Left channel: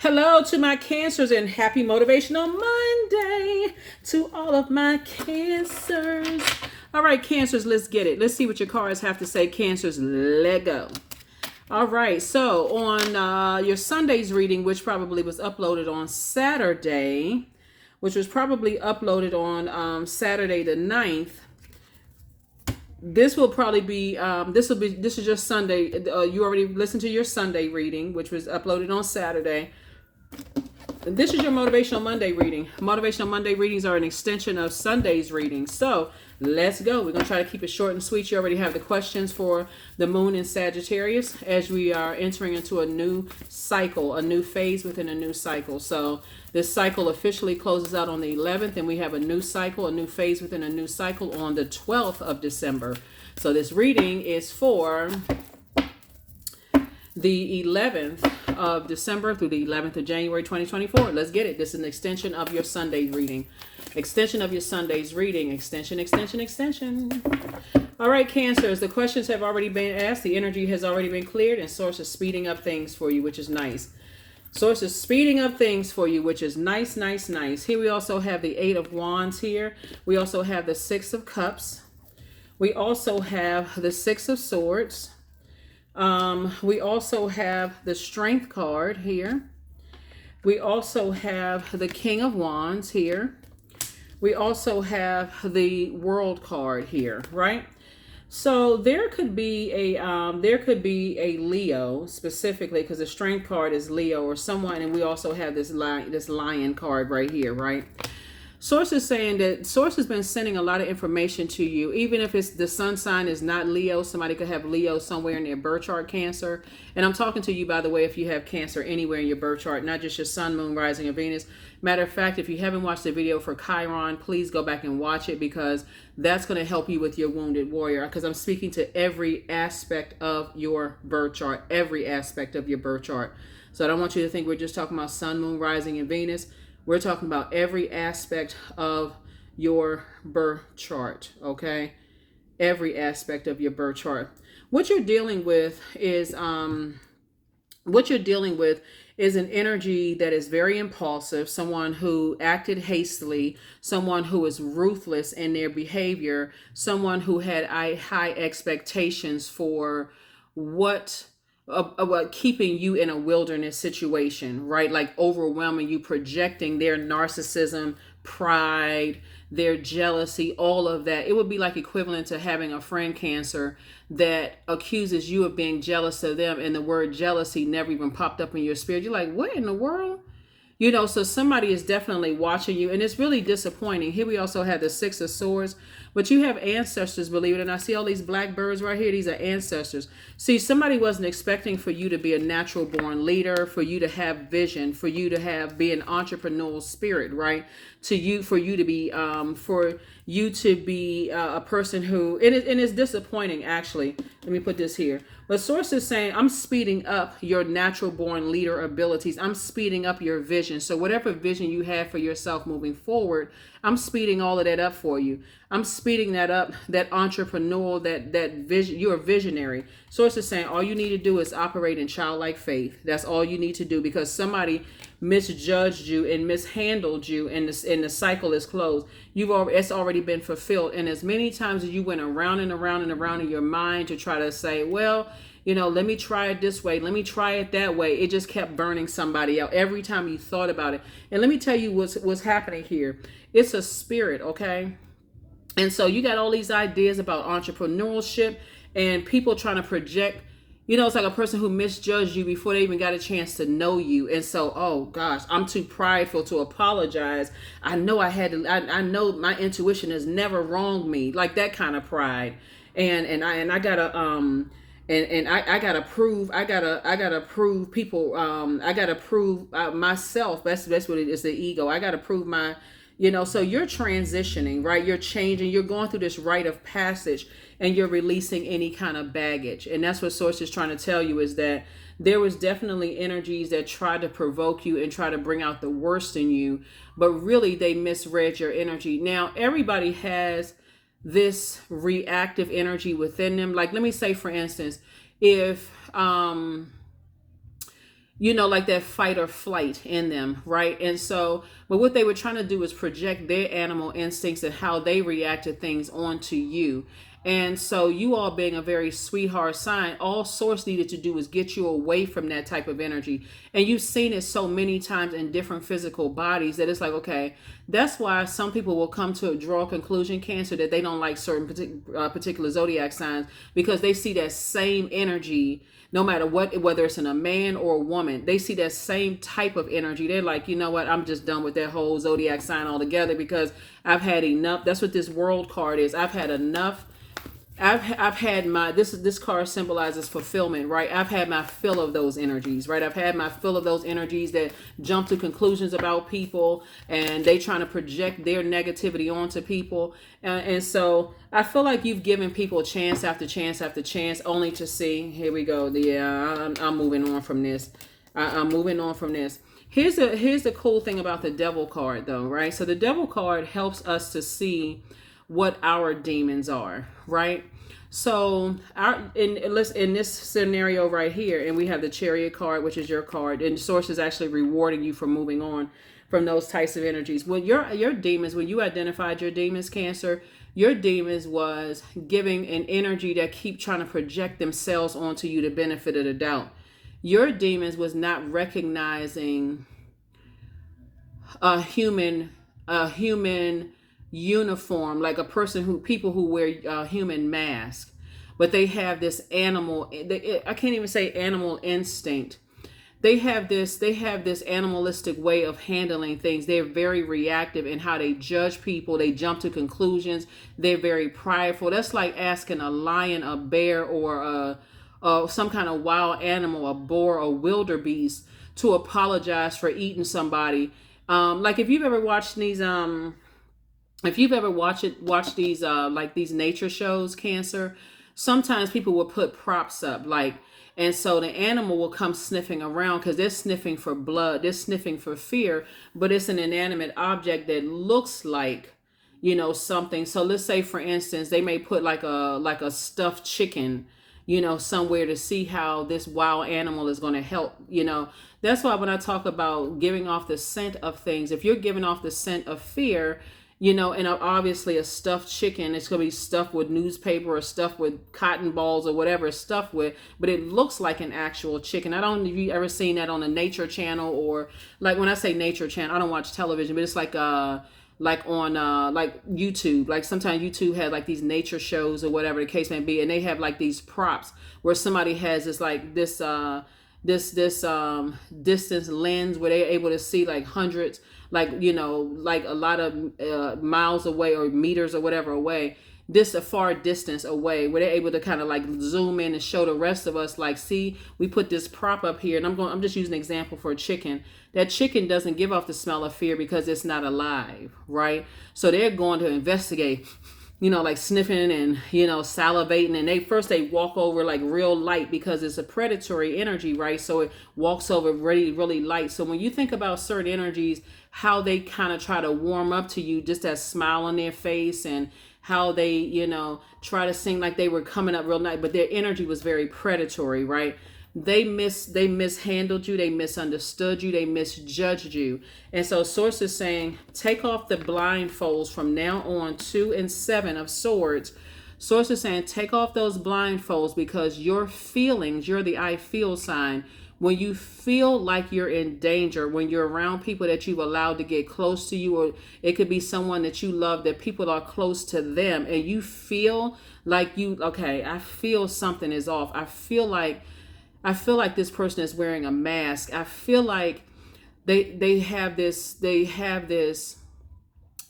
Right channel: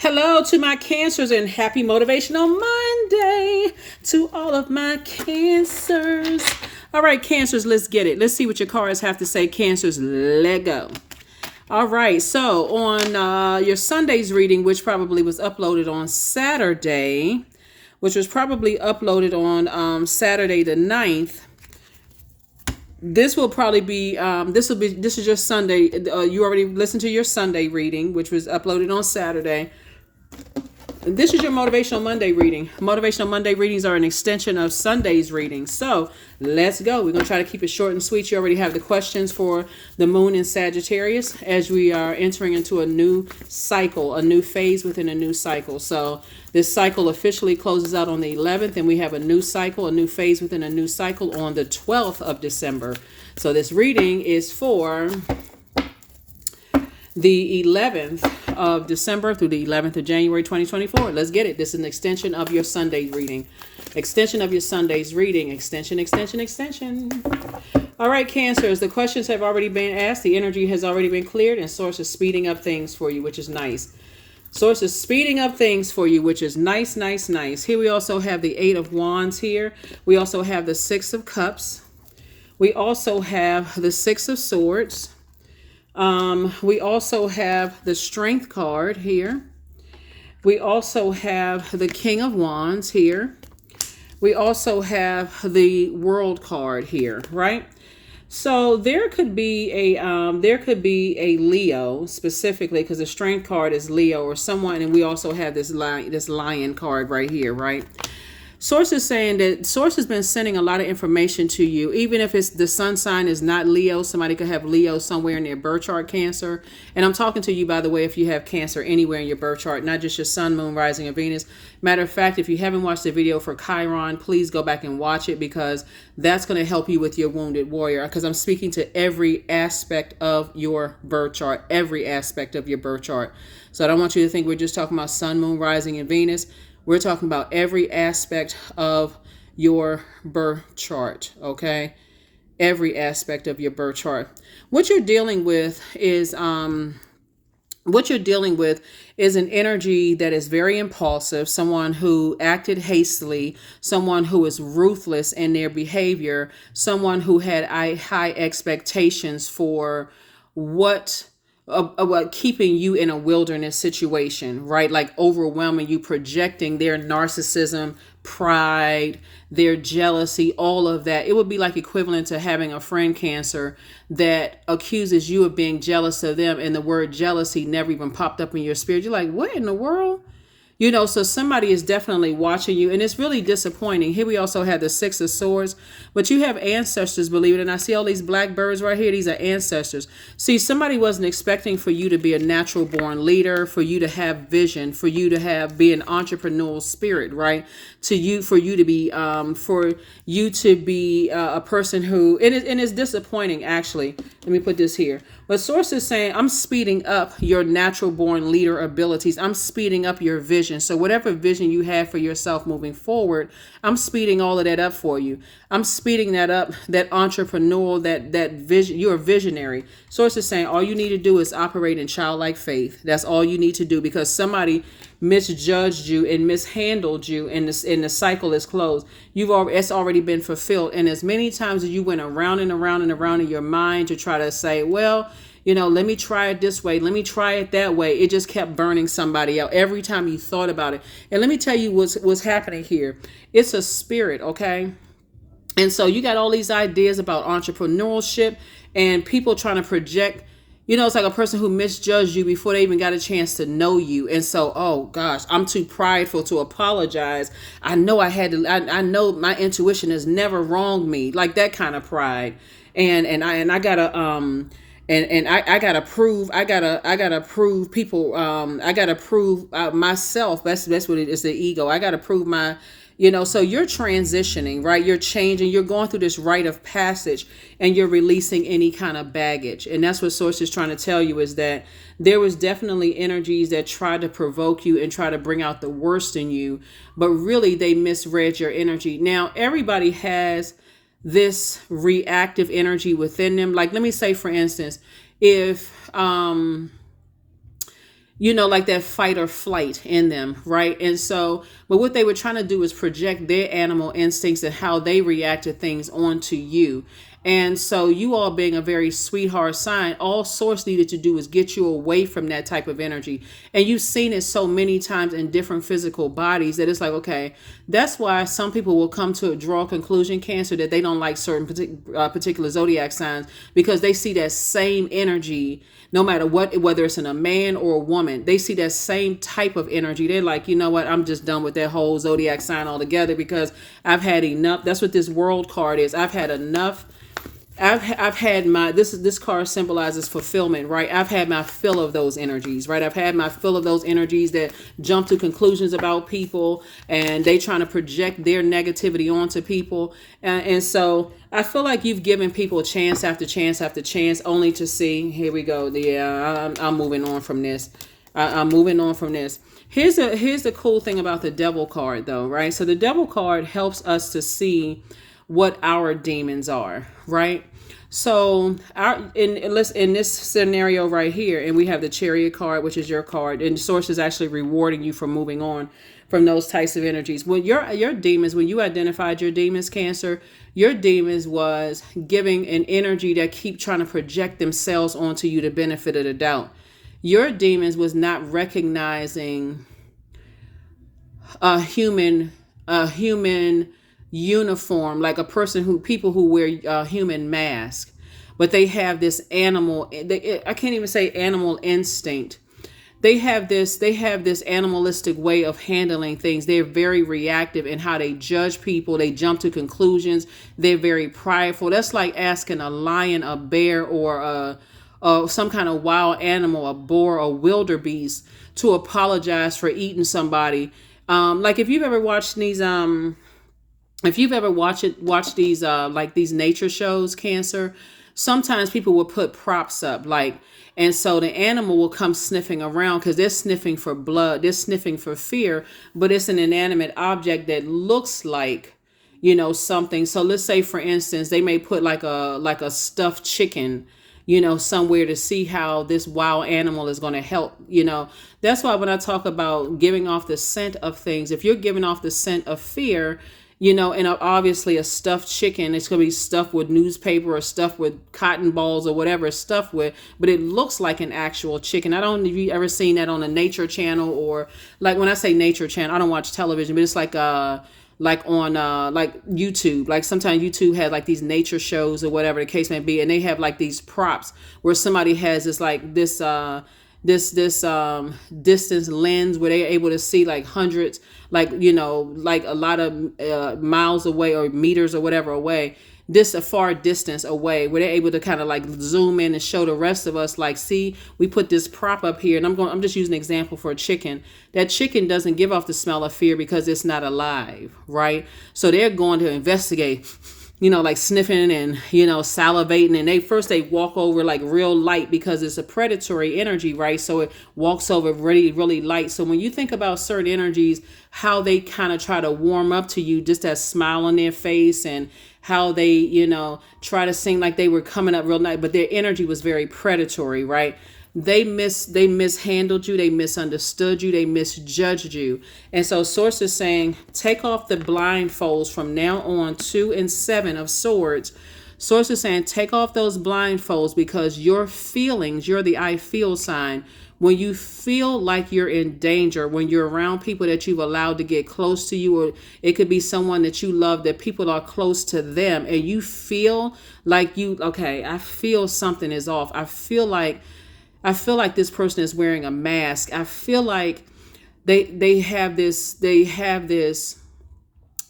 Hello to my Cancers and happy Motivational Monday to all of my Cancers. All right, Cancers, let's get it. Let's see what your cards have to say. Cancers, let go. All right, so on your Sunday's reading, which probably was uploaded on Saturday, Saturday the 9th, this will probably be this is your Sunday. You already listened to your Sunday reading, which was uploaded on Saturday. This is your Motivational Monday reading. Motivational Monday readings are an extension of Sunday's reading. So let's go. We're going to try to keep it short and sweet. You already have the questions for the moon in Sagittarius as we are entering into a new cycle, a new phase within a new cycle. So this cycle officially closes out on the 11th, and we have a new cycle, a new phase within a new cycle on the 12th of December. So this reading is for the 11th of December through the 11th of January 2024. Let's get it. This is an extension of your Sunday reading. Extension of your Sunday's reading. Extension. All right, Cancers. The questions have already been asked. The energy has already been cleared, and Source is speeding up things for you, which is nice. Source is speeding up things for you, which is nice. Here we also have the 8 of Wands here. We also have the 6 of Cups. We also have the 6 of Swords. We also have the Strength card here. We also have the King of Wands here. We also have the World card here, right? So there could be a Leo specifically, because the Strength card is Leo or someone, and we also have this lion card right here, right? Source is saying that Source has been sending a lot of information to you, even if it's the sun sign is not Leo. Somebody could have Leo somewhere in their birth chart, Cancer. And I'm talking to you, by the way, if you have Cancer anywhere in your birth chart, not just your sun, moon, rising, and Venus. Matter of fact, if you haven't watched the video for Chiron, please go back and watch it, because that's going to help you with your wounded warrior, because I'm speaking to every aspect of your birth chart, every aspect of your birth chart. So I don't want you to think we're just talking about sun, moon, rising, and Venus. We're talking about every aspect of your birth chart, okay? Every aspect of your birth chart. What you're dealing with is an energy that is very impulsive, someone who acted hastily, someone who is ruthless in their behavior, someone who had high expectations for what keeping you in a wilderness situation, right? Like overwhelming you, projecting their narcissism, pride, their jealousy, all of that. It would be like equivalent to having a friend, Cancer, that accuses you of being jealous of them, and the word jealousy never even popped up in your spirit. You're like, what in the world? You know, so somebody is definitely watching you, and it's really disappointing. Here we also have the 6 of Swords, but you have ancestors, believe it. And I see all these black birds right here. These are ancestors. See, somebody wasn't expecting for you to be a natural born leader, for you to have vision, for you to be an entrepreneurial spirit, right? For you to be a person who, and it's disappointing, actually. Let me put this here. But Source is saying, I'm speeding up your natural born leader abilities. I'm speeding up your vision. So whatever vision you have for yourself moving forward, I'm speeding all of that up for you. I'm speeding that up, that entrepreneurial, that vision. You're a visionary. Source is saying all you need to do is operate in childlike faith. That's all you need to do, because somebody misjudged you and mishandled you, and the cycle is closed. It's already been fulfilled. And as many times as you went around and around and around in your mind to try to say, well, you know, let me try it this way, let me try it that way, it just kept burning somebody out every time you thought about it. And let me tell you what's happening here. It's a spirit, okay? And so you got all these ideas about entrepreneurship and people trying to project. You know, it's like a person who misjudged you before they even got a chance to know you. And so, oh gosh, I'm too prideful to apologize. I know I know my intuition has never wronged me. Like that kind of pride. I gotta prove people. I gotta prove myself. That's what it is. The ego. I gotta prove my. You know, so you're transitioning, right? You're changing. You're going through this rite of passage, and you're releasing any kind of baggage. And that's what Source is trying to tell you, is that there was definitely energies that tried to provoke you and try to bring out the worst in you, but really they misread your energy. Now, everybody has this reactive energy within them. Like, let me say, for instance, if like that fight or flight in them, right? And so, but what they were trying to do is project their animal instincts and how they react to things onto you. And so, you all being a very sweetheart sign, all Source needed to do is get you away from that type of energy. And you've seen it so many times in different physical bodies that it's like, okay, that's why some people will come to draw a conclusion, Cancer, that they don't like certain particular zodiac signs, because they see that same energy no matter what, whether it's in a man or a woman. They see that same type of energy. They're like, you know what, I'm just done with that whole zodiac sign altogether, because I've had enough. That's what this world card is. I've had enough. I've had my, this card symbolizes fulfillment, right? I've had my fill of those energies, right? I've had my fill of those energies that jump to conclusions about people, and they trying to project their negativity onto people. And so I feel like you've given people chance after chance after chance, only to see, here we go. Yeah, I'm moving on from this. I'm moving on from this. Here's the cool thing about the Devil card, though, right? So the Devil card helps us to see what our demons are, right? So in this scenario right here, and we have the Chariot card, which is your card, and the Source is actually rewarding you for moving on from those types of energies. Well, your demons, when you identified your demons, Cancer, your demons was giving an energy that keep trying to project themselves onto you, the benefit of the doubt. Your demons was not recognizing a human uniform, like people who wear a human mask, but they have this animal, I can't even say animal instinct. They have this animalistic way of handling things. They're very reactive in how they judge people. They jump to conclusions. They're very prideful. That's like asking a lion, a bear, or some kind of wild animal, a boar or wildebeest, to apologize for eating somebody. Like if you've ever watched these watched these like these nature shows, Cancer, sometimes people will put props up, like, and so the animal will come sniffing around because they're sniffing for blood, they're sniffing for fear, but it's an inanimate object that looks like, something. So let's say, for instance, they may put like a stuffed chicken, somewhere, to see how this wild animal is going to help. That's why when I talk about giving off the scent of things, if you're giving off the scent of fear, and obviously a stuffed chicken, it's going to be stuffed with newspaper or stuffed with cotton balls or whatever it's stuffed with, but it looks like an actual chicken. I don't know if you ever seen that on a nature channel, or like, when I say nature channel, I don't watch television, but it's like on like YouTube. Like sometimes YouTube had like these nature shows or whatever the case may be, and they have like these props where somebody has this like this distance lens where they're able to see like hundreds, like like a lot of miles away or meters or whatever away, this a far distance away, where they're able to kind of like zoom in and show the rest of us, like, see, we put this prop up here. And I'm just using an example for a chicken. That chicken doesn't give off the smell of fear because it's not alive, right? So they're going to investigate, like sniffing and, salivating. And they walk over like real light because it's a predatory energy, right? So it walks over really, really light. So when you think about certain energies, how they kind of try to warm up to you, just that smile on their face, and how they, try to seem like they were coming up real nice, but their energy was very predatory, right? They mishandled you, they misunderstood you, they misjudged you. And so Source is saying, take off the blindfolds from now on. 2 and 7 of Swords. Source is saying, take off those blindfolds, because your feelings, you're the I feel sign. When you feel like you're in danger, when you're around people that you've allowed to get close to you, or it could be someone that you love, that people are close to them, and you feel like I feel something is off. I feel like this person is wearing a mask. I feel like they have this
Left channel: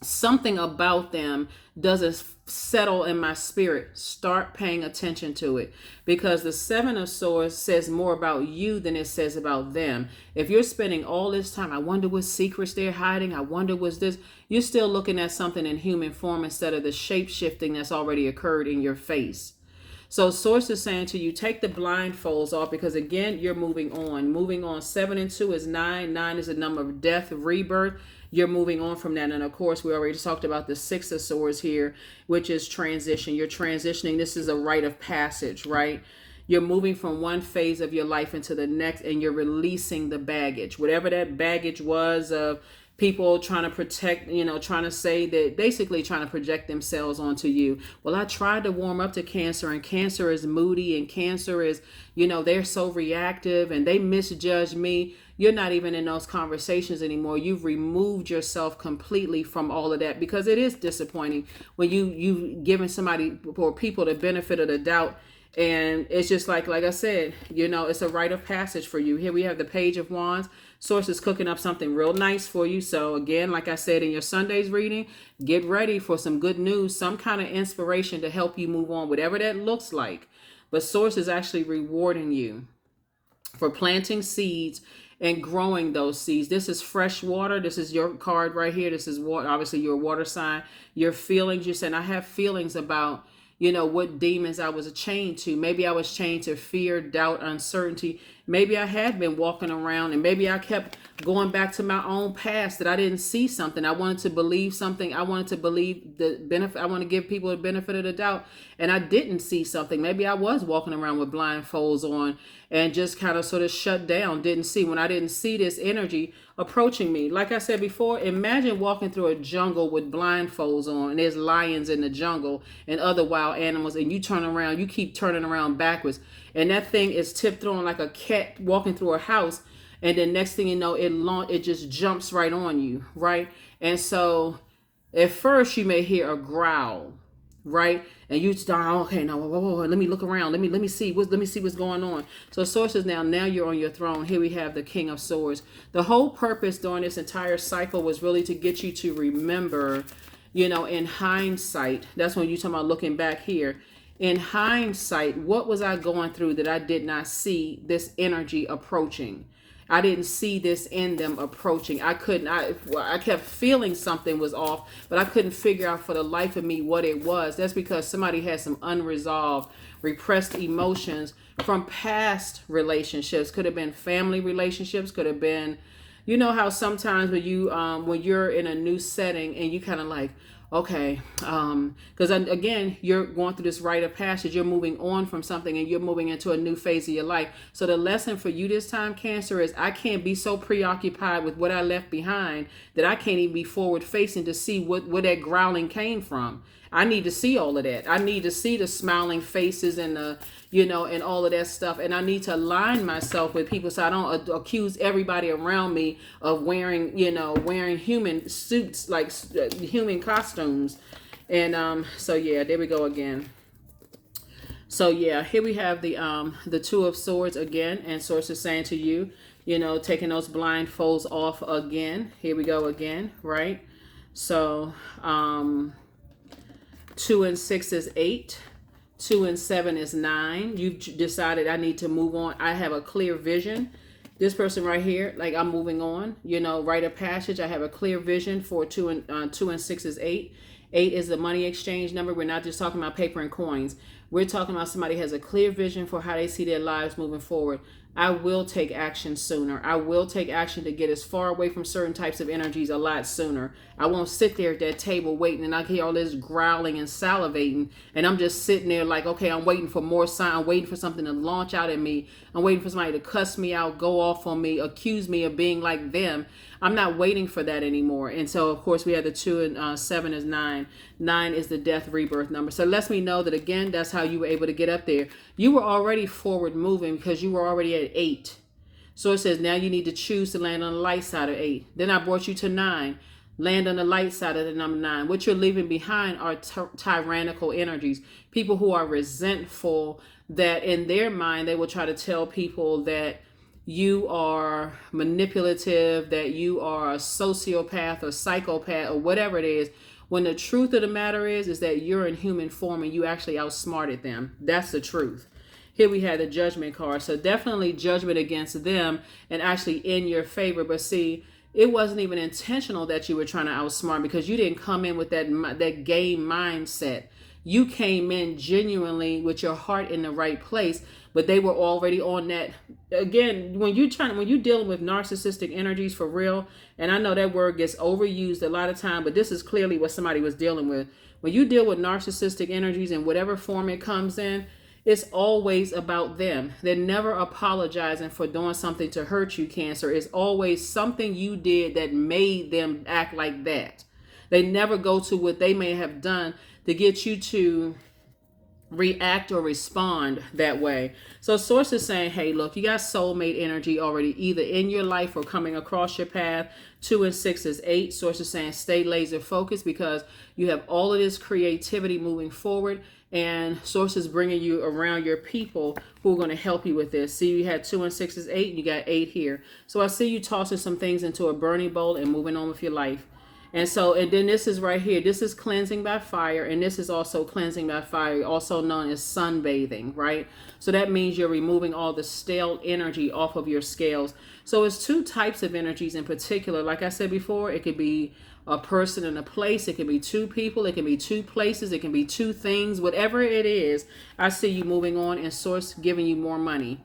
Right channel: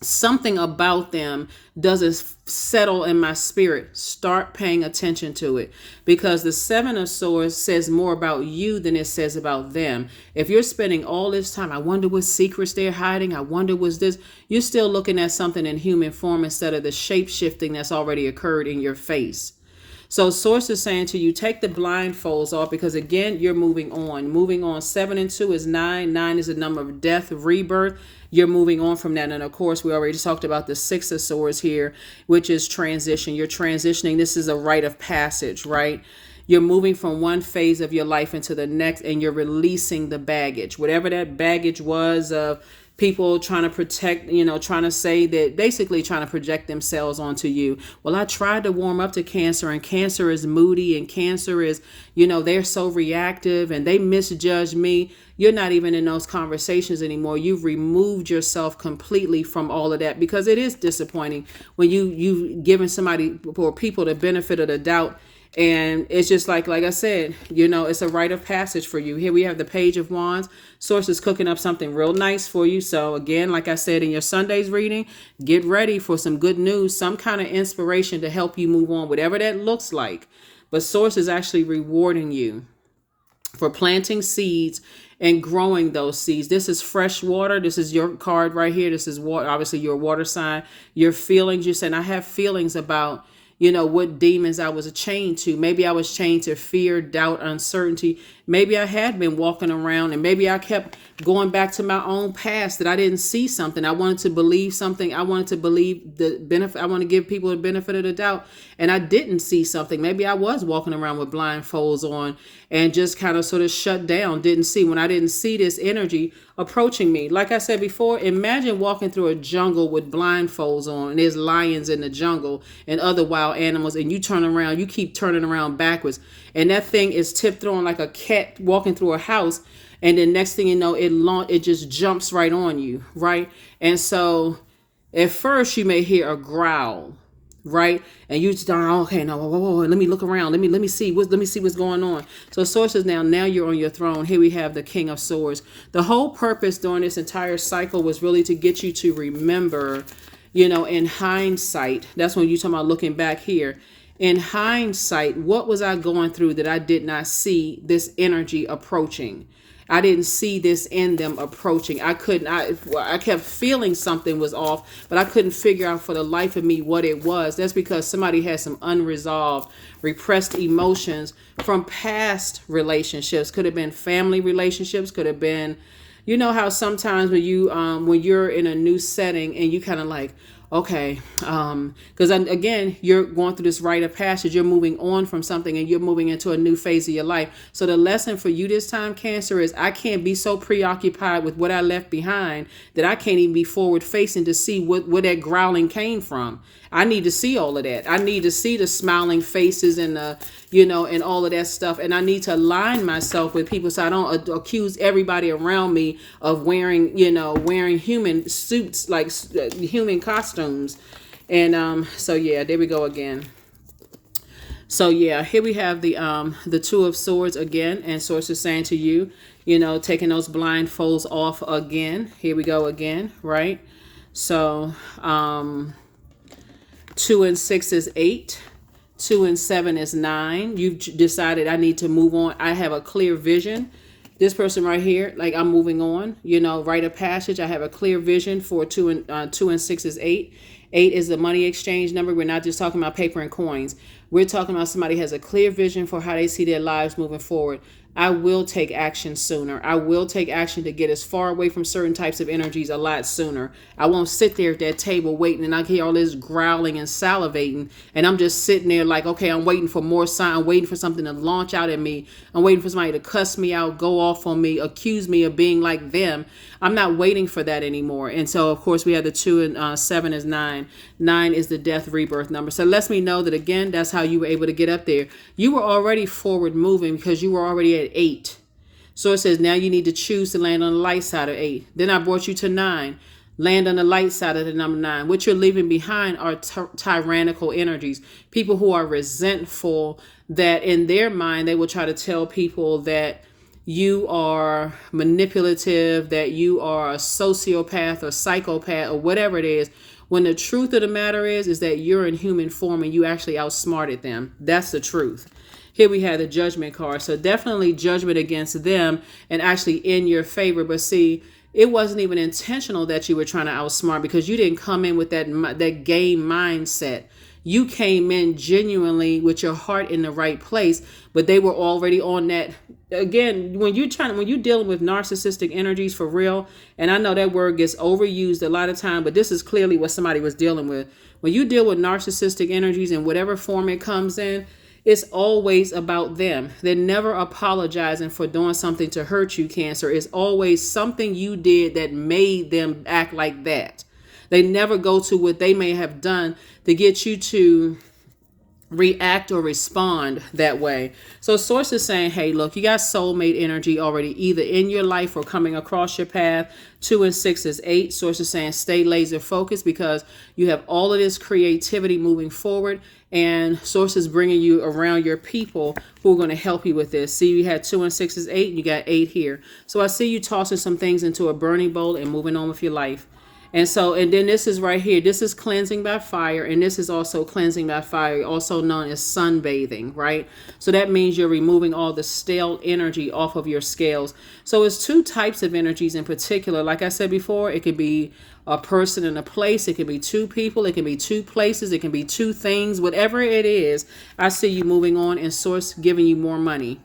something about them doesn't settle in my spirit. Start paying attention to it, because the 7 of Swords says more about you than it says about them. If you're spending all this time, I wonder what secrets they're hiding, I wonder what's this, you're still looking at something in human form instead of the shape shifting that's already occurred in your face. So Source is saying to you, take the blindfolds off, because again, you're moving on. 7 and 2 is 9. 9 is the number of death, rebirth. You're moving on from that. And of course, we already talked about the 6 of Swords here, which is transition. You're transitioning. This is a rite of passage, right? You're moving from one phase of your life into the next, and you're releasing the baggage, whatever that baggage was of people trying to protect, trying to say that, basically trying to project themselves onto you. Well, I tried to warm up to Cancer, and Cancer is moody, and Cancer is, they're so reactive, and they misjudge me. You're not even in those conversations anymore. You've removed yourself completely from all of that, because it is disappointing when you've given somebody or people the benefit of the doubt. And it's just like I said, it's a rite of passage for you. Here we have the Page of Wands. Source is cooking up something real nice for you. So again, like I said in your Sunday's reading, get ready for some good news, some kind of inspiration to help you move on, whatever that looks like. But Source is actually rewarding you for planting seeds and growing those seeds. This is fresh water. This is your card right here. This is water, obviously your water sign. Your feelings, you're saying, I have feelings about what demons I was chained to. Maybe I was chained to fear, doubt, uncertainty. Maybe I had been walking around, and maybe I kept going back to my own past, that I didn't see something. I wanted to believe something. I wanted to believe the benefit. I want to give people the benefit of the doubt, and I didn't see something. Maybe I was walking around with blindfolds on and just kind of sort of shut down, didn't see. When I didn't see this energy approaching me, like I said before, imagine walking through a jungle with blindfolds on, and there's lions in the jungle and other wild animals, and you keep turning around backwards, and that thing is tipped on like a cat walking through a house, and then next thing you know, it just jumps right on you, right? And so at first you may hear a growl, right? And you just, okay, no, whoa, let me look around. Let me see what's going on. So Sources, now you're on your throne. Here we have the King of Swords. The whole purpose during this entire cycle was really to get you to remember, in hindsight. That's when you talk about looking back here. In hindsight, what was I going through that I did not see this energy approaching? I didn't see this in them approaching. I kept feeling something was off, but I couldn't figure out for the life of me what it was. That's because somebody had some unresolved, repressed emotions from past relationships. Could have been family relationships, could have been, how sometimes when you're in a new setting and you kind of like, okay, because again, you're going through this rite of passage. You're moving on from something, and you're moving into a new phase of your life. So the lesson for you this time, Cancer, is I can't be so preoccupied with what I left behind that I can't even be forward facing to see where that growling came from. I need to see all of that. I need to see the smiling faces and and all of that stuff. And I need to align myself with people so I don't accuse everybody around me of wearing human suits, like human costumes. And so yeah, there we go again. So yeah, here we have the Two of Swords again, and Source is saying to you, taking those blindfolds off again. Here we go again, right? So 2 and 6 is 8. 2 and 7 is 9. You've decided I need to move on. I have a clear vision. This person right here, like I'm moving on, rite of passage. I have a clear vision for 2 and 6 is 8. 8 is the money exchange number. We're not just talking about paper and coins. We're talking about somebody has a clear vision for how they see their lives moving forward. I will take action sooner. I will take action to get as far away from certain types of energies a lot sooner. I won't sit there at that table waiting and I hear all this growling and salivating, and I'm just sitting there like, okay, I'm waiting for more sign. I'm waiting for something to launch out at me. I'm waiting for somebody to cuss me out, go off on me, accuse me of being like them. I'm not waiting for that anymore. And so, of course, we have the 2 and 7 is 9. 9 is the death rebirth number. So it lets me know that, again, that's how you were able to get up there. You were already forward moving because you were already at 8. So it says now you need to choose to land on the light side of 8. Then I brought you to 9. Land on the light side of the number 9. What you're leaving behind are tyrannical energies. People who are resentful, that in their mind they will try to tell people that you are manipulative, that you are a sociopath or psychopath or whatever it is, when the truth of the matter is that you're in human form and you actually outsmarted them. That's the truth. Here we have the Judgment card. So definitely judgment against them and actually in your favor. But see, it wasn't even intentional that you were trying to outsmart, because you didn't come in with that game mindset. You came in genuinely with your heart in the right place, but they were already on that. Again, when you're dealing with narcissistic energies for real, and I know that word gets overused a lot of time, but this is clearly what somebody was dealing with. When you deal with narcissistic energies in whatever form it comes in, It's always about them. They're never apologizing for doing something to hurt you, Cancer. It's always something you did that made them act like that. They never go to what they may have done to get you to react or respond that way. So source is saying, hey, look, you got soulmate energy already either in your life or coming across your path. 2 and 6 is 8. Source is saying stay laser focused because you have all of this creativity moving forward, and source is bringing you around your people who are going to help you with this. See, you had 2 and 6 is 8, and you got 8 here. So I see you tossing some things into a burning bowl and moving on with your life. And so, and then this is right here. This is cleansing by fire. And this is also cleansing by fire, also known as sunbathing, right? So that means you're removing all the stale energy off of your scales. So it's 2 types of energies in particular. Like I said before, it could be a person and a place. It can be 2 people. It can be 2 places. It can be 2 things. Whatever it is, I see you moving on and source giving you more money,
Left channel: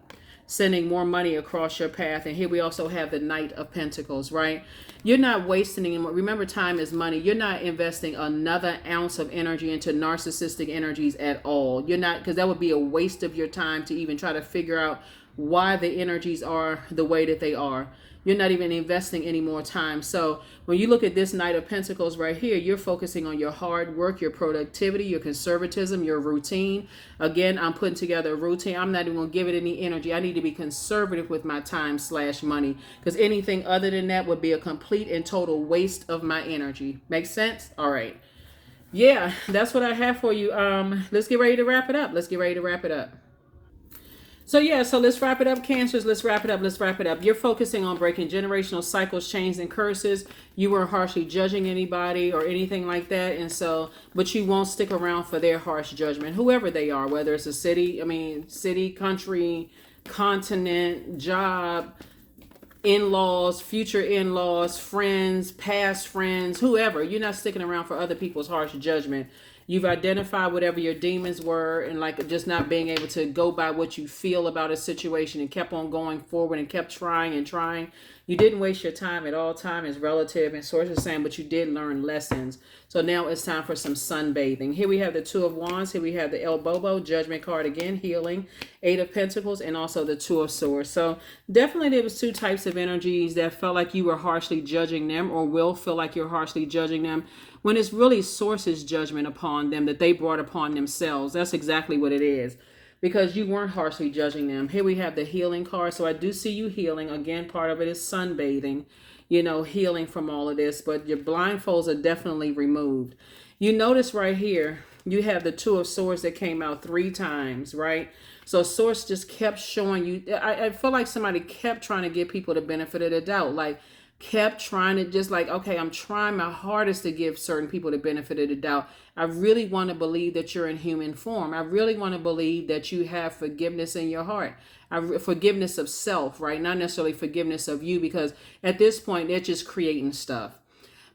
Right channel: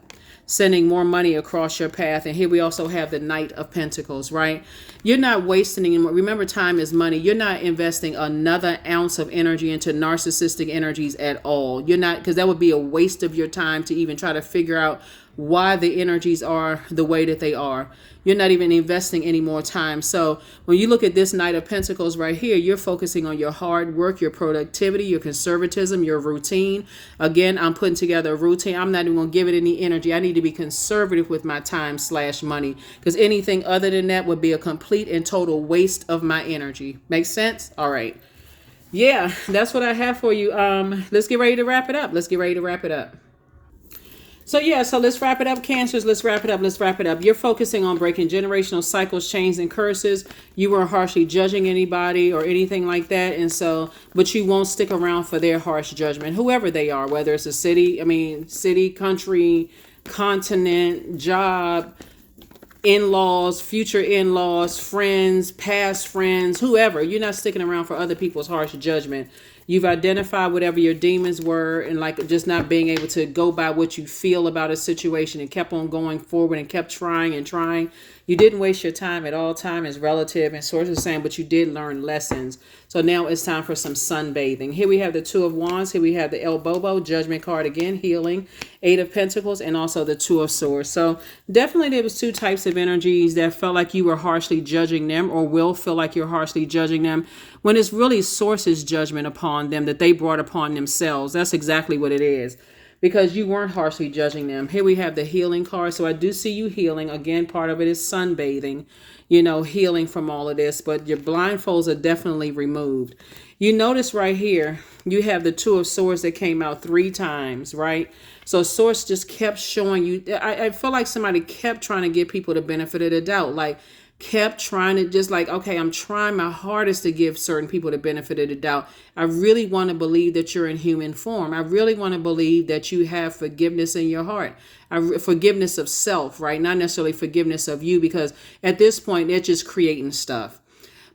sending more money across your path. And here we also have the Knight of Pentacles, right? You're not wasting anymore. Remember, time is money. You're not investing another ounce of energy into narcissistic energies at all. You're not, because that would be a waste of your time to even try to figure out why the energies are the way that they are. You're not even investing any more time. So when you look at this Knight of Pentacles right here, you're focusing on your hard work, your productivity, your conservatism, your routine. Again, I'm putting together a routine. I'm not even going to give it any energy. I need to be conservative with my time / money, because anything other than that would be a complete and total waste of my energy. Makes sense? All right. Yeah, that's what I have for you. Let's get ready to wrap it up. So yeah, so let's wrap it up, Cancers. Let's wrap it up. You're focusing on breaking generational cycles, chains, and curses. You weren't harshly judging anybody or anything like that. And so, but you won't stick around for their harsh judgment, whoever they are, whether it's a city, country, continent, job, in-laws, future in-laws, friends, past friends, whoever. You're not sticking around for other people's harsh judgment. You've identified whatever your demons were, and like just not being able to go by what you feel about a situation, and kept on going forward and kept trying and trying. You didn't waste your time at all. Time is relative, and source is saying, but you did learn lessons. So now it's time for some sunbathing. Here we have the 2 of Wands. Here we have the El Bobo, Judgment card again, healing, 8 of Pentacles, and also the 2 of Swords. So definitely there was 2 types of energies that felt like you were harshly judging them, or will feel like you're harshly judging them, when it's really source's judgment upon them that they brought upon themselves. That's exactly what it is, because you weren't harshly judging them. Here we have the healing card. So I do see you healing. Again, part of it is sunbathing, healing from all of this, but your blindfolds are definitely removed. You notice right here, you have the 2 of Swords that came out 3 times, right? So source just kept showing you. I feel like somebody kept trying to give people the benefit of the doubt, like kept trying to just like, okay, I'm trying my hardest to give certain people the benefit of the doubt. I really want to believe that you're in human form. I really want to believe that you have forgiveness in your heart. Forgiveness of self, right? Not necessarily forgiveness of you, because at this point, they're just creating stuff.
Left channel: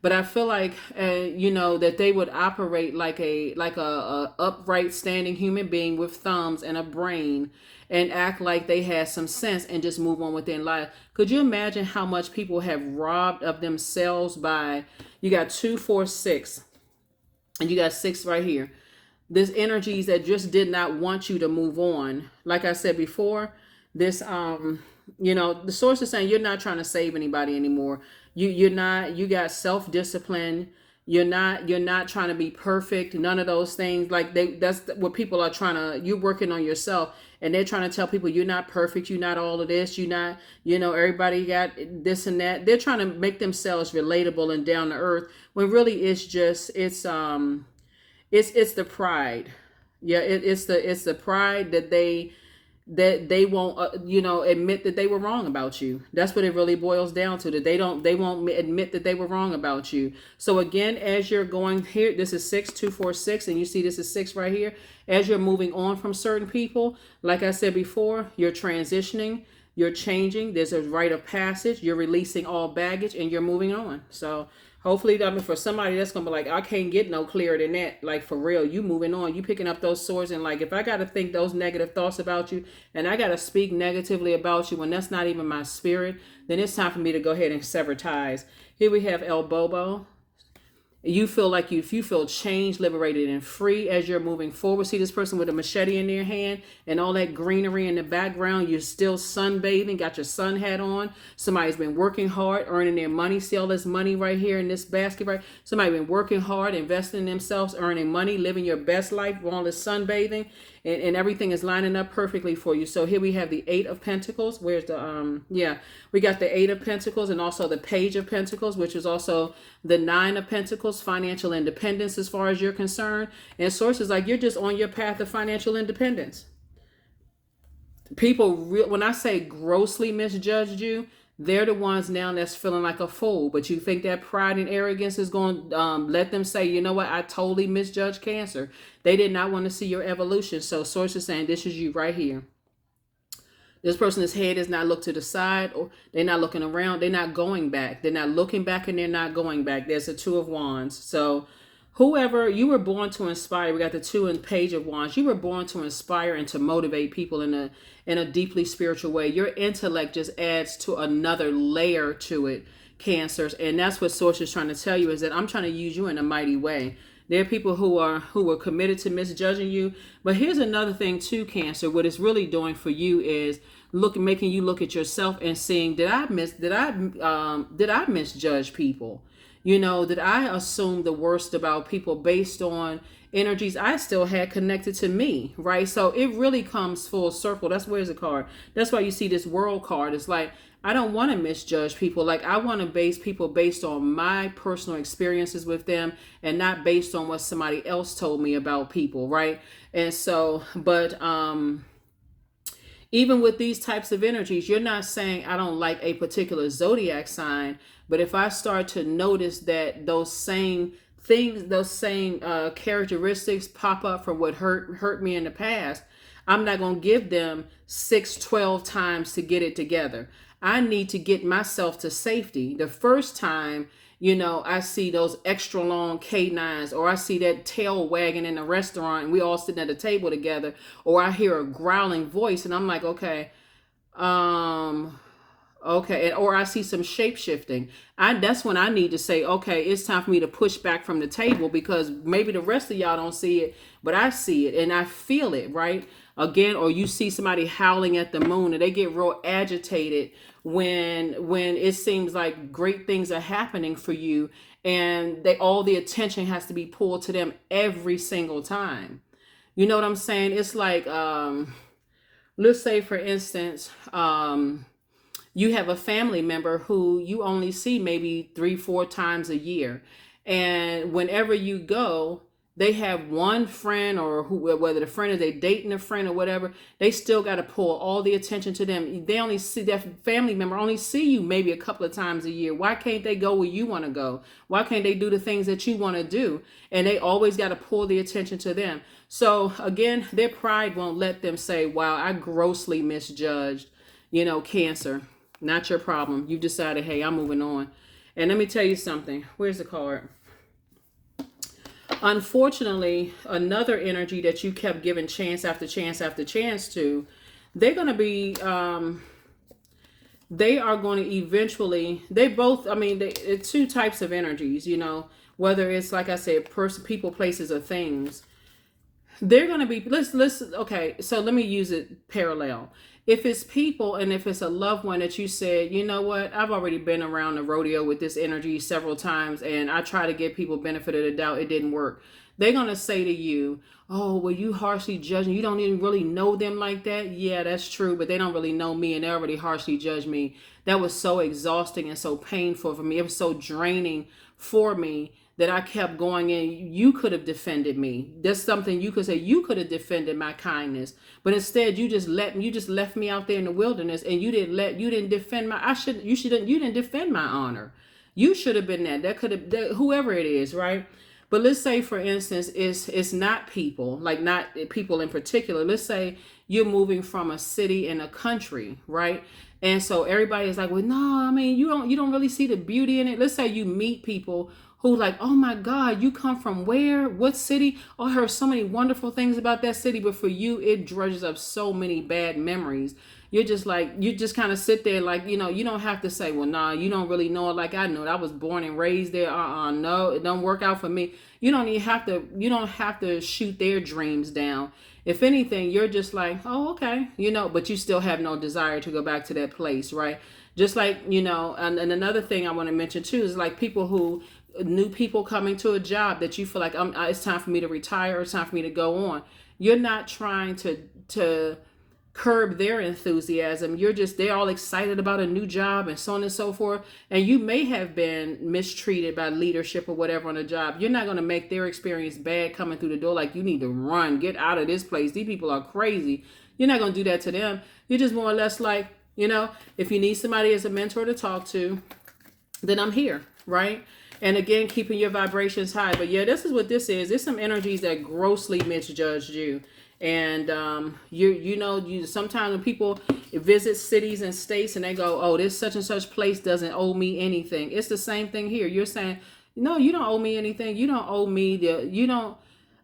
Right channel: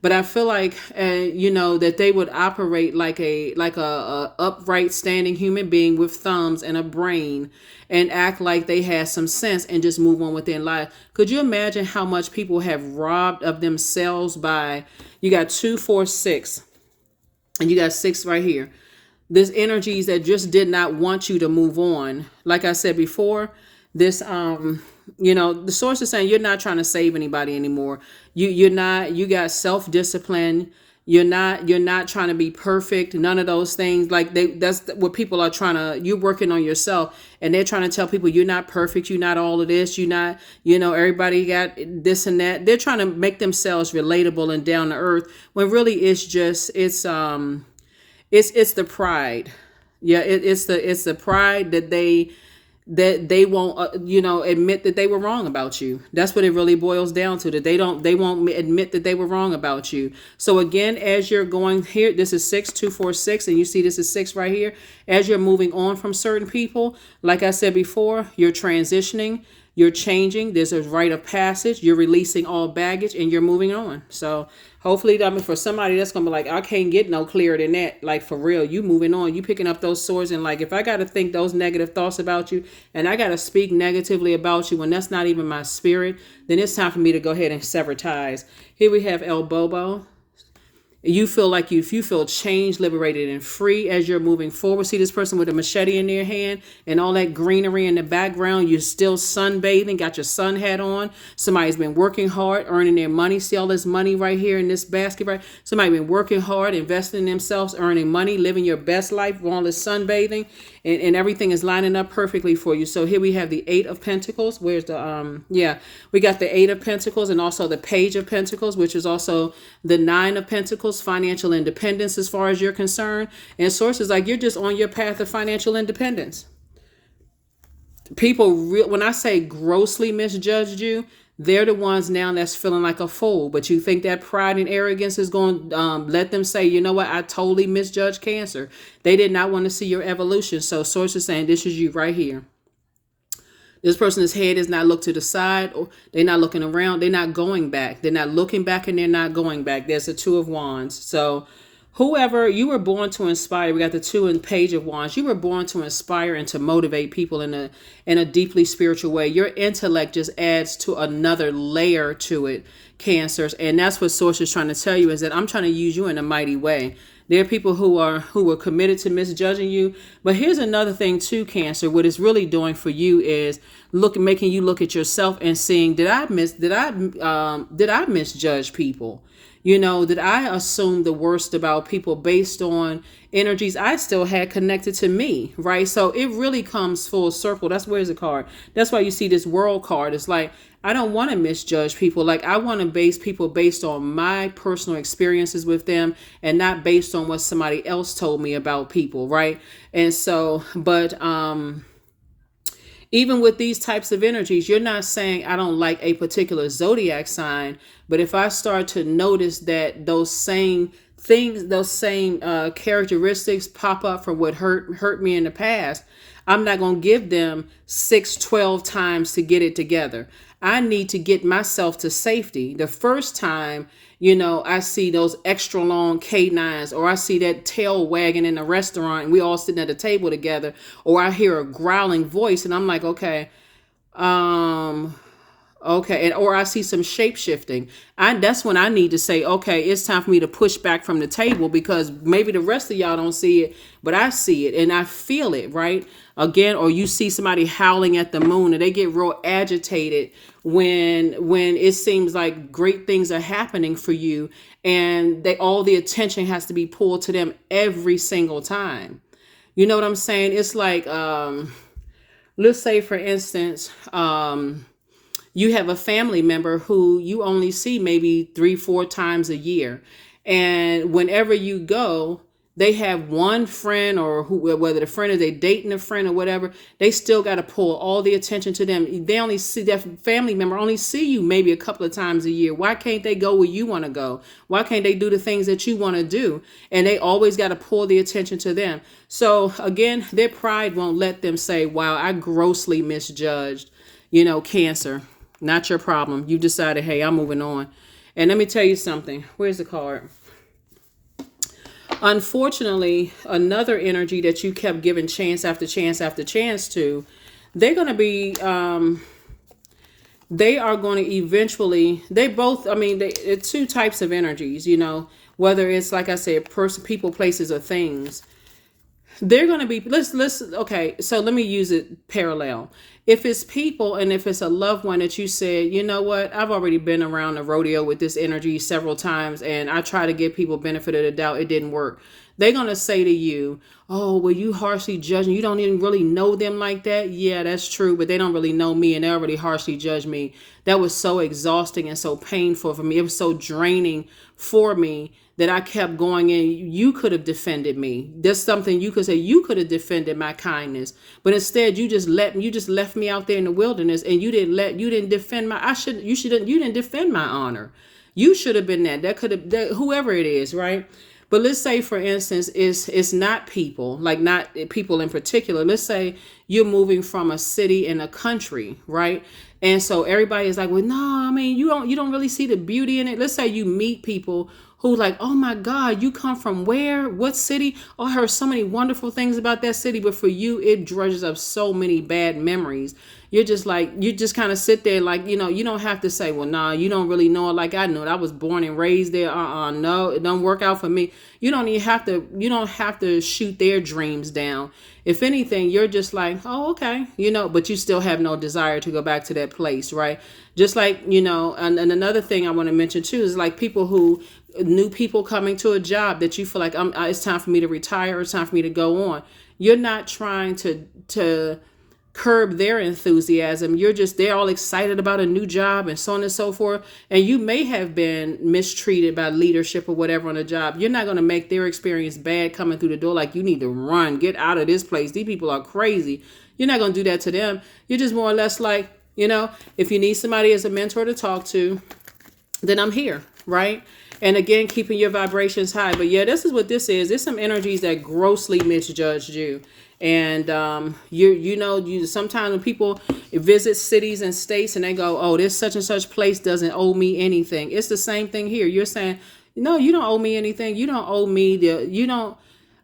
But I feel like, that they would operate like a upright, standing human being with thumbs and a brain, and act like they had some sense and just move on with their life. Could you imagine how much people have robbed of themselves by, you got 2, 4, 6, and you got 6 right here. There's energies that just did not want you to move on. Like I said before, this, the source is saying you're not trying to save anybody anymore. You got self-discipline. You're not trying to be perfect. None of those things. Like that's what people are trying to, you're working on yourself, and they're trying to tell people you're not perfect. You're not all of this. You're not, everybody got this and that. They're trying to make themselves relatable and down to earth, when really it's just, it's the pride. Yeah. It's the pride that they won't admit that they were wrong about you. That's what it really boils down to, that they won't admit that they were wrong about you. So again, as you're going here, this is 6, 2, 4, 6, and you see this is 6 right here. As you're moving on from certain people, like I said before, you're transitioning, you're changing. There's a rite of passage. You're releasing all baggage, and you're moving on. So hopefully, for somebody that's going to be like, I can't get no clearer than that. Like, for real, you moving on, you picking up those swords. And like, if I got to think those negative thoughts about you, and I got to speak negatively about you when that's not even my spirit, then it's time for me to go ahead and sever ties. Here we have El Bobo. You feel like if you feel changed, liberated, and free as you're moving forward. See this person with a machete in their hand and all that greenery in the background. You're still sunbathing, got your sun hat on. Somebody's been working hard, earning their money. See all this money right here in this basket, right? Somebody been working hard, investing in themselves, earning money, living your best life, all this sunbathing, and everything is lining up perfectly for you. So here we have the Eight of Pentacles. Where's the we got the Eight of Pentacles and also the Page of Pentacles, which is also the Nine of Pentacles, financial independence as far as you're concerned. And sources like you're just on your path of financial independence. People, when I say grossly misjudged you, they're the ones now that's feeling like a fool. But you think that pride and arrogance is going to let them say, you know what, I totally misjudged Cancer. They did not want to see your evolution. So sources saying this is you right here. This person's head is not looked to the side, or they're not looking around. They're not going back. They're not looking back, and they're not going back. There's a Two of Wands. So whoever, you were born to inspire. We got the Two and Page of Wands. You were born to inspire and to motivate people in a deeply spiritual way. Your intellect just adds to another layer to it, Cancers. And that's what Source is trying to tell you, is that I'm trying to use you in a mighty way. There are people who are committed to misjudging you. But here's another thing too, Cancer. What it's really doing for you is making you look at yourself and seeing, did I misjudge people? You know, did I assume the worst about people based on energies I still had connected to me, right? So it really comes full circle. That's where's the card. That's why you see this World card. It's like, I don't want to misjudge people. Like, I want to base people based on my personal experiences with them and not based on what somebody else told me about people, right? And so, but even with these types of energies, you're not saying I don't like a particular zodiac sign, but if I start to notice that those same things, those same characteristics pop up from what hurt me in the past, I'm not going to give them 6-12 times to get it together. I need to get myself to safety. The first time, you know, I see those extra long canines, or I see that tail wagging in a restaurant and we all sitting at a table together, or I hear a growling voice and I'm like, okay, and or I see some shape shifting. That's when I need to say, okay, it's time for me to push back from the table, because maybe the rest of y'all don't see it, but I see it and I feel it, right? Again, or you see somebody howling at the moon and they get real agitated when it seems like great things are happening for you, and all the attention has to be pulled to them every single time. You know what I'm saying? It's like, let's say for instance, you have a family member who you only see maybe 3-4 times a year. And whenever you go, they have one friend, or whether the friend is they dating a friend or whatever, they still got to pull all the attention to them. They only see that family member only see you maybe a couple of times a year. Why can't they go where you want to go? Why can't they do the things that you want to do? And they always got to pull the attention to them. So again, their pride won't let them say, wow, I grossly misjudged, you know, Cancer. Not your problem. You decided, hey, I'm moving on. And let me tell you something. Where's the card? Unfortunately, another energy that you kept giving chance after chance after chance to, they're going to be, they are going to eventually, it's two types of energies, you know, whether it's, like I said, people, places, or things. They're going to be, okay, so let me use it parallel. If it's people and if it's a loved one that you said, you know what, I've already been around the rodeo with this energy several times and I try to give people benefit of the doubt, it didn't work. They're going to say to you, oh, well, you harshly judging. You don't even really know them like that. Yeah, that's true. But they don't really know me and they already harshly judge me. That was so exhausting and so painful for me. It was so draining for me that I kept going in. You could have defended me. There's something you could say. You could have defended my kindness, but instead you just left me out there in the wilderness, and you didn't defend you didn't defend my honor. You should have been that. Whoever it is, right? But let's say, for instance, it's not people, like not people in particular. Let's say you're moving from a city and a country, right? And so everybody is like, well, no, I mean, you don't really see the beauty in it. Let's say you meet people who like, oh my God, you come from where? What city? Oh, I heard so many wonderful things about that city. But for you, it dredges up so many bad memories. you're just like, you just kind of sit there like, you don't have to say, well, nah, you don't really know it like I know it. I was born and raised there. No, it don't work out for me. You don't have to shoot their dreams down. If anything, you're just like, oh, okay, but you still have no desire to go back to that place, right? Just like, and another thing I want to mention too is like new people coming to a job that you feel like it's time for me to retire, it's time for me to go on. You're not trying to curb their enthusiasm. They're all excited about a new job and so on and so forth. And you may have been mistreated by leadership or whatever on the job. You're not going to make their experience bad coming through the door. Like, you need to run, get out of this place. These people are crazy. You're not going to do that to them. You're just more or less like, if you need somebody as a mentor to talk to, then I'm here, right? And again, keeping your vibrations high. But yeah, this is what this is. There's some energies that grossly misjudged you. And you sometimes when people visit cities and states and they go, oh, this such and such place doesn't owe me anything. It's the same thing here. You're saying, no, you don't owe me anything. You don't owe me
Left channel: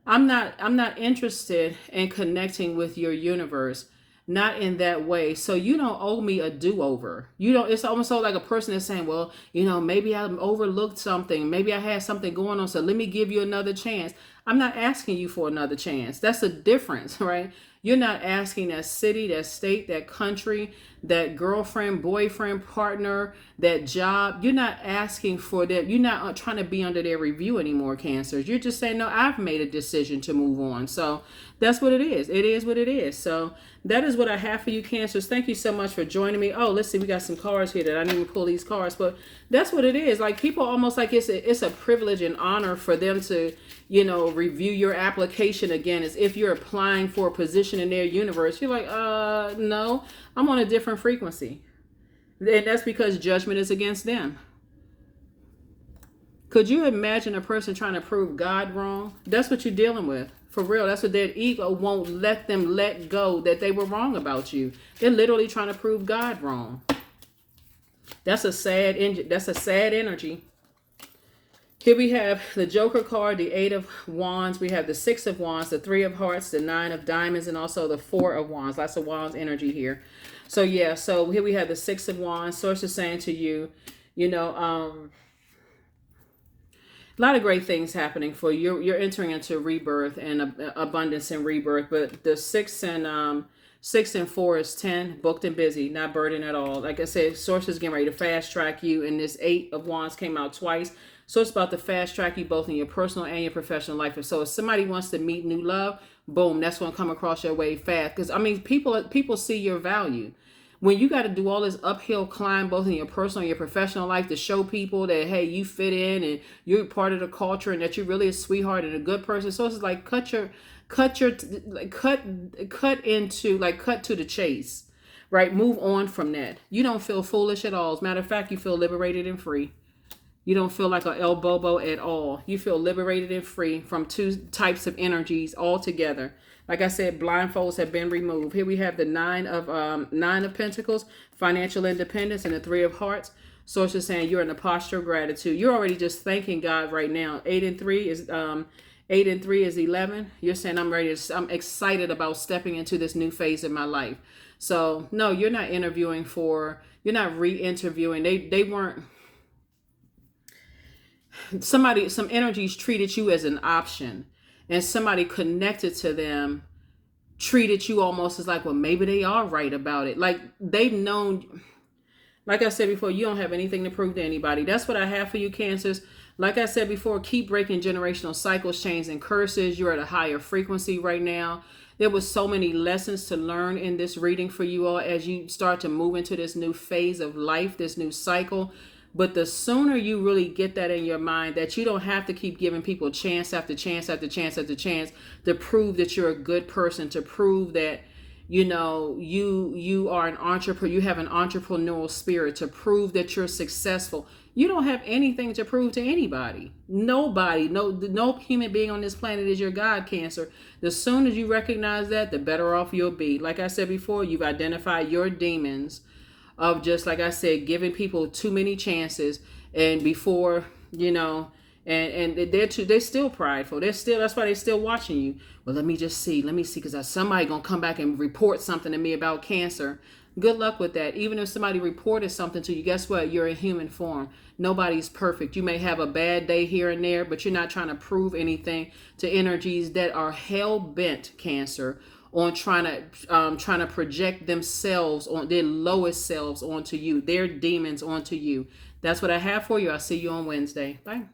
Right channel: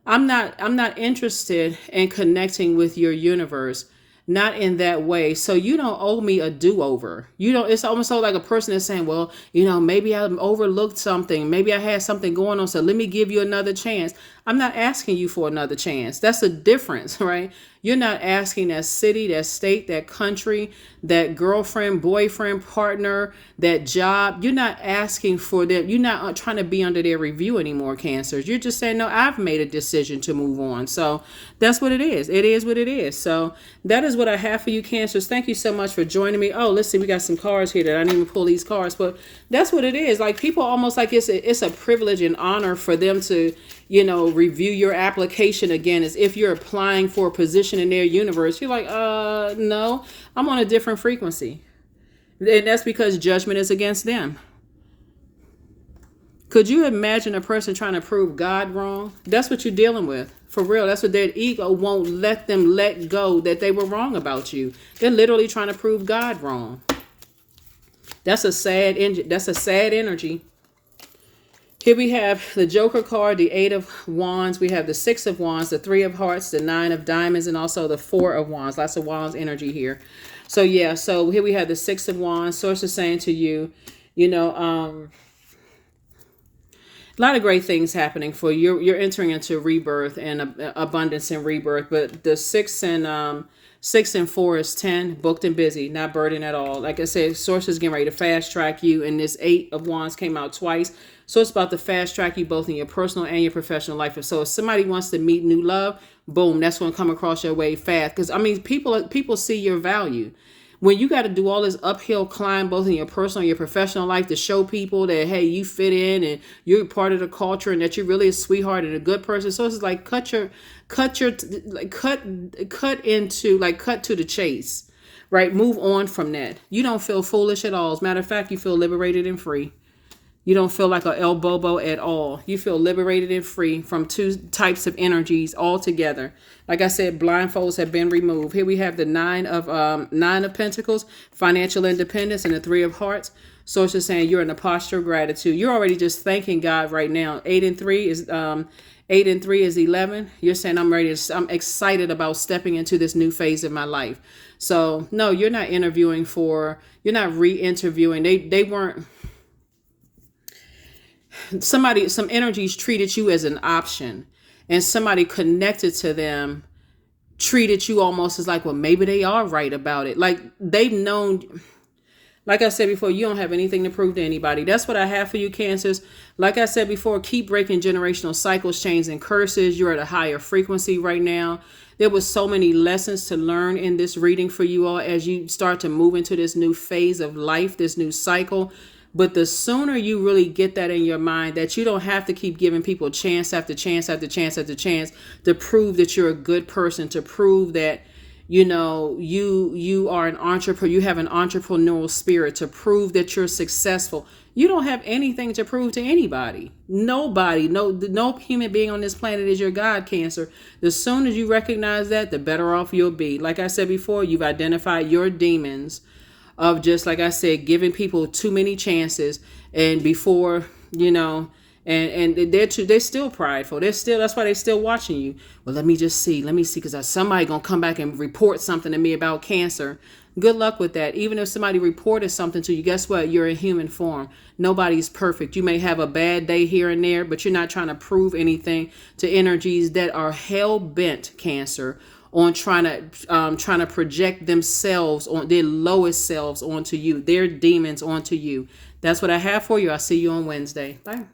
I'm not interested in connecting with your universe. Not in that way. So you don't owe me a do-over. It's almost so like a person is saying, well, maybe I overlooked something. Maybe I had something going on. So let me give you another chance. I'm not asking you for another chance. That's a difference, right? You're not asking that city, that state, that country, that girlfriend, boyfriend, partner, that job. You're not asking for that. You're not trying to be under their review anymore, Cancers. You're just saying, no, I've made a decision to move on. So that's what it is. It is what it is. So that is what I have for you, Cancers. Thank you so much for joining me. Oh, let's see. We got some cards here that I didn't even pull these cards, but that's what it is. Like, people almost like it's a privilege and honor for them to, review your application again, as if you're applying for a position in their universe. You're like, no, I'm on a different frequency. And that's because judgment is against them. Could you imagine a person trying to prove God wrong? That's what you're dealing with. For real. That's what their ego won't let them let go, that they were wrong about you. They're literally trying to prove God wrong. That's a sad energy. Here we have the Joker card, the 8 of Wands. We have the 6 of Wands, the 3 of Hearts, the 9 of Diamonds, and also the 4 of Wands. Lots of Wands energy here. So yeah, so here we have the 6 of Wands. Source is saying to you, a lot of great things happening for you. You're entering into rebirth and abundance and rebirth. But the 6 and 4 is 10, booked and busy, not burdened at all. Like I said, Source is getting ready to fast track you. And this 8 of Wands came out twice. So it's about to fast track you both in your personal and your professional life. So if somebody wants to meet new love, boom, that's going to come across your way fast. Because, people see your value. When you got to do all this uphill climb, both in your personal and your professional life, to show people that, hey, you fit in and you're part of the culture and that you're really a sweetheart and a good person. So it's like cut to the chase, right? Move on from that. You don't feel foolish at all. As a matter of fact, you feel liberated and free. You don't feel like a El Bobo at all. You feel liberated and free from two types of energies all together. Like I said, blindfolds have been removed. Here we have the 9 of Pentacles, financial independence, and the 3 of Hearts. Source is saying you're in a posture of gratitude. You're already just thanking God right now. 8 and 3 is 11. You're saying I'm excited about stepping into this new phase of my life. So no, you're not you're not re-interviewing. They weren't. Some energies treated you as an option, and somebody connected to them treated you almost as like, well, maybe they are right about it. Like, they've known, like I said before, you don't have anything to prove to anybody. That's what I have for you, Cancers. Like I said before, keep breaking generational cycles, chains, and curses. You're at a higher frequency right now. There was so many lessons to learn in this reading for you all as you start to move into this new phase of life, this new cycle. But the sooner you really get that in your mind, that you don't have to keep giving people chance after chance after chance after chance to prove that you're a good person, to prove that, you are an entrepreneur, you have an entrepreneurial spirit, to prove that you're successful. You don't have anything to prove to anybody. Nobody, no human being on this planet is your God, Cancer. The sooner you recognize that, the better off you'll be. Like I said before, you've identified your demons of just, like I said, giving people too many chances, and before, and they're still prideful. That's why they're still watching you. Well, let me see, because somebody gonna come back and report something to me about Cancer. Good luck with that. Even if somebody reported something to you, guess what? You're in human form. Nobody's perfect. You may have a bad day here and there, but you're not trying to prove anything to energies that are hell bent, Cancer, on trying to project themselves on their lowest selves onto you, their demons onto you. That's what I have for you. I'll see you on Wednesday. Bye.